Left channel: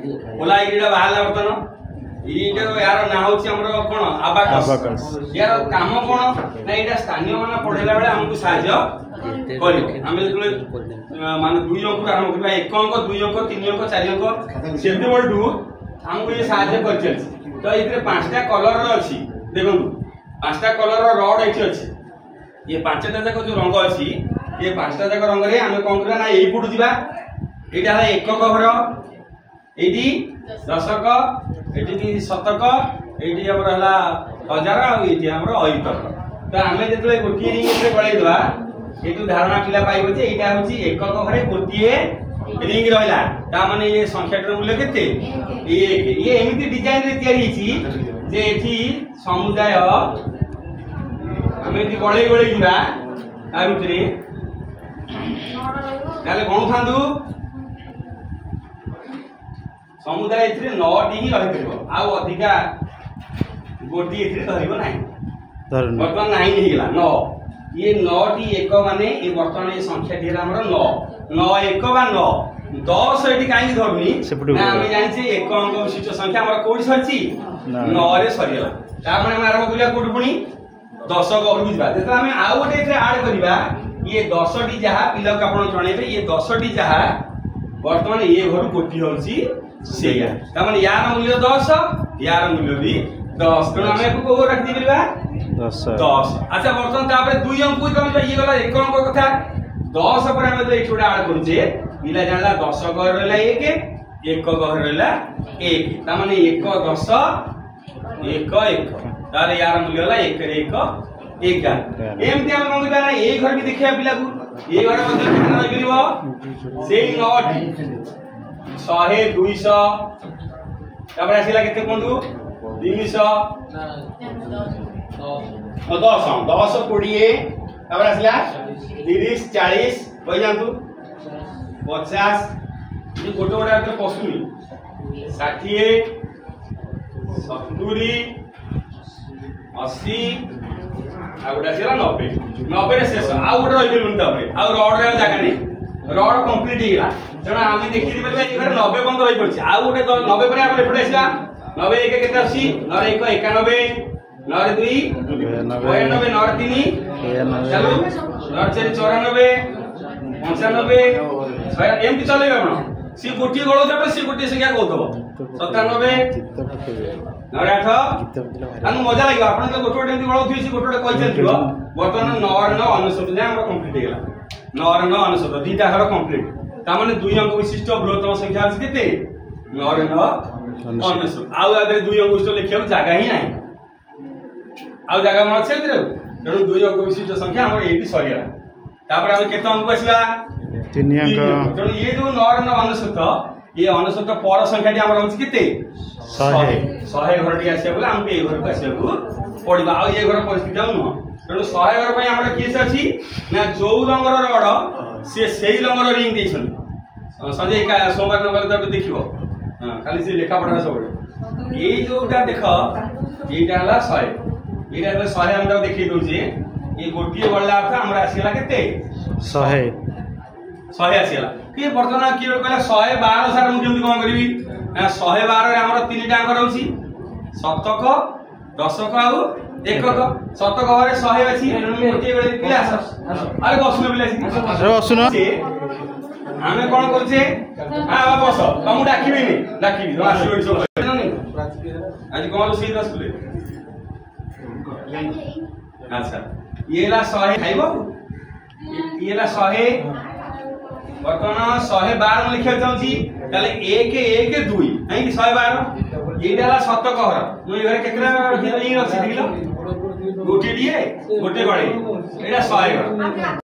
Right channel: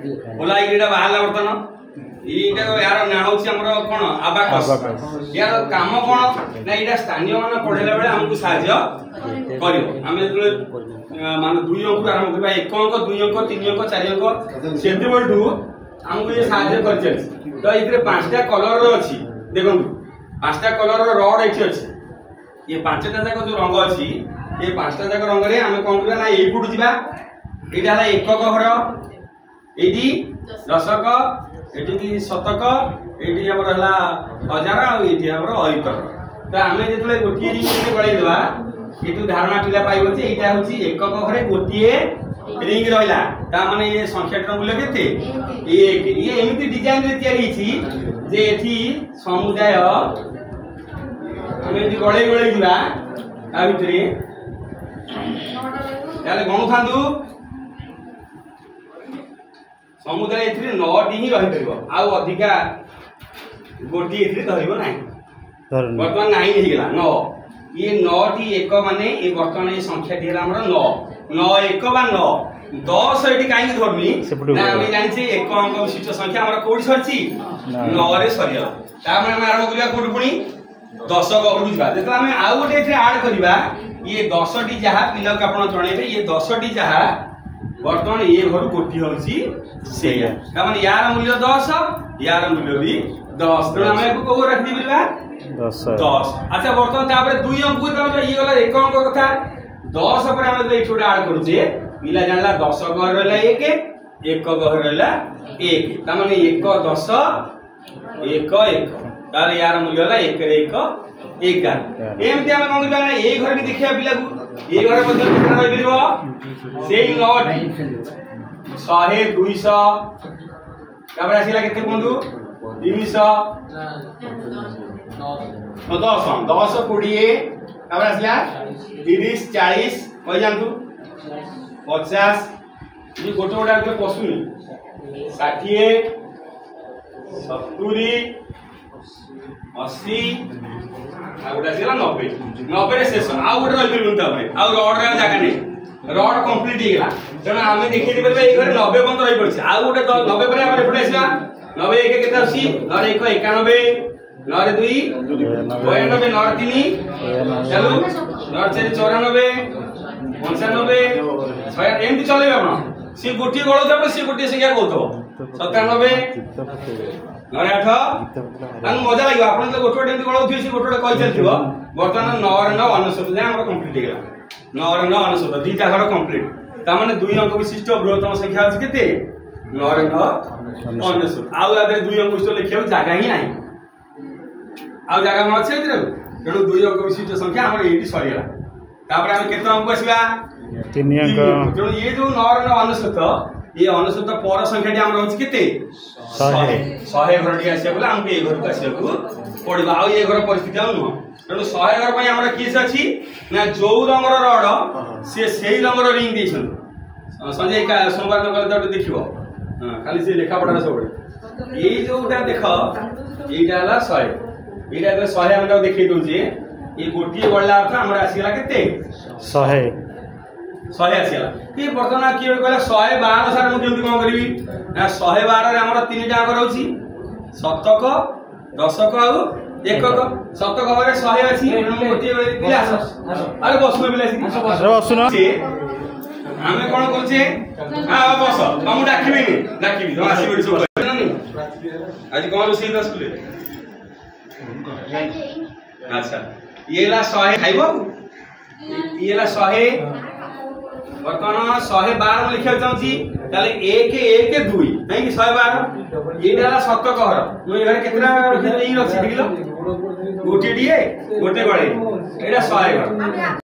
ओला इटा बाहर बर्तन ये यार ना हूँ कौन आबाकस यार काम कौन ना यहाँ स्थानीय मान पढ़ेला बेले आमको साहय मान 2 अंक आरंभ करवा 1 अंक 2 अंक 3 अंक 4 अंक से आमको ये साहय कर तो ये 5टा कलर अच्छी देखो 5टा कलर रड ये अच्छी ये 5टा जाक जो रंग अच्छी ये 5टा जाक रंग रे आम कौन करवा ना यही पटू जा यहाँ एकक घर ये दशक ये शतक ये हजार आम अयुतक तो आम जो गोटे रिंग गलैदेवा ये धारणा पिला पाइब जे यहाँ हूँ एकक घरे गोटे रिंग रहा माने ये संख्या मूल्य के ये एमती डिजाइन रे जे एठी समुदाय आम गड़े गड़े जा भितर गणु था समुदाय ए 9टी ही रही आउ अधिका गोटे ना बर्तमान 9 होगा 9 ये 9टी एक माने ये बर्तमान ये संख्या टी 9 एक बा 9 10 ये कहीं धरनी आम जानी 1 अंक विशिष्ट संख्या आम कौटी सरी 9 रे सरीगला आम आरंभ करवा कौटी पुणी 10 घर जा जो आम आउ गोटे आड करवा ये 10टी जहाँ पिला को आप जनइबे ये 10टी जहाँ बर्तमान ये घर गोटी हूँ यार मूल्य 10 यार मूल्य भी 10 तेणु आम कौ रखी 10 अच्छा बर्तमान 2 अंक ये गला 1 अंक कथा 10 पर आम जो ये आड करुचे पिला जानला 10 घर रहा 1 घर रहा 1 ताने 1 10 1 1 तार यार मूल्य है 1 रे 1 11 एमती आम कौन करना ये घर भी देखा पिला को ये घर रही से 9टी 100 200 आसला के 300 10 10 20 आसला 30 40 कही जातु 50 गोटे गोटे पशुनी 60 70 80 गोटे 90 शेष आउ गोटे रही रड जगह नहीं रड कम्प्लीट होगा तेणु आम देखी ये घर 90 पर्यटन रही पड़ी आउ गोटे 90 पर एपटे आसवा 90 1 के 80 9 1 91 9 2 92 9 3 चलो 9 4 94 95 एमती चल सी गोटे गलुआ सी गोटे संख्या कहते 97 9 8 मजा लगे आप गोटे गोटे गलुए सी गोटे गोटे कही चलती बर्तमान 9 99 जाए कम्प्लीट होगा 9 99 2टा घर कम्प्लीट ताने 2 अंक विशिष्ट बृहत्तम संख्या अच्छी के 9 99 आउ 2 अंक विशिष्ट लिखा जगह ही ना आउ जगह अच्छे तेणु 2 अंक विशिष्ट संख्या आम ये सरीगला तापर आम केत अंक आसवा 3 अंक तेणु ये जो 9 99 ये 99 पर संख्या टी आम रही के 100 घर टी आसवा आमको ये घर को आसवा पड़ा आ ये घर परिस्थिति आ नुह तेणु 100 घर पर आम किस अच्छी ना जो रंगर रड सी से रंगर रिंग दे संजय सोमवार नंबर देख खाली सी लेखापढ़ा सब ये जोटा देख यहाँ 100 ये 100 आम देखी दौचे ये गोटे गला अर्थ आम आसला के 100 आसला कि बर्तमान किए कहला 112 सार मुझे कौन करी 112 आम 3टा अंक रही शतक दशक आउ एकक शतक घरे 100 अच्छी गोटे पिला अरे बसुन पिला आम कौन करे बस तुम डाक आज कौन रोषे स्कूल अच्छा ये 100 खाइब ये 100 बर्तमान 112 में लिखा चाहूँगी 1 1 2 कहीं 112 ये शतक घर मुझे घर के गोटे गोटे गड़े 100 घर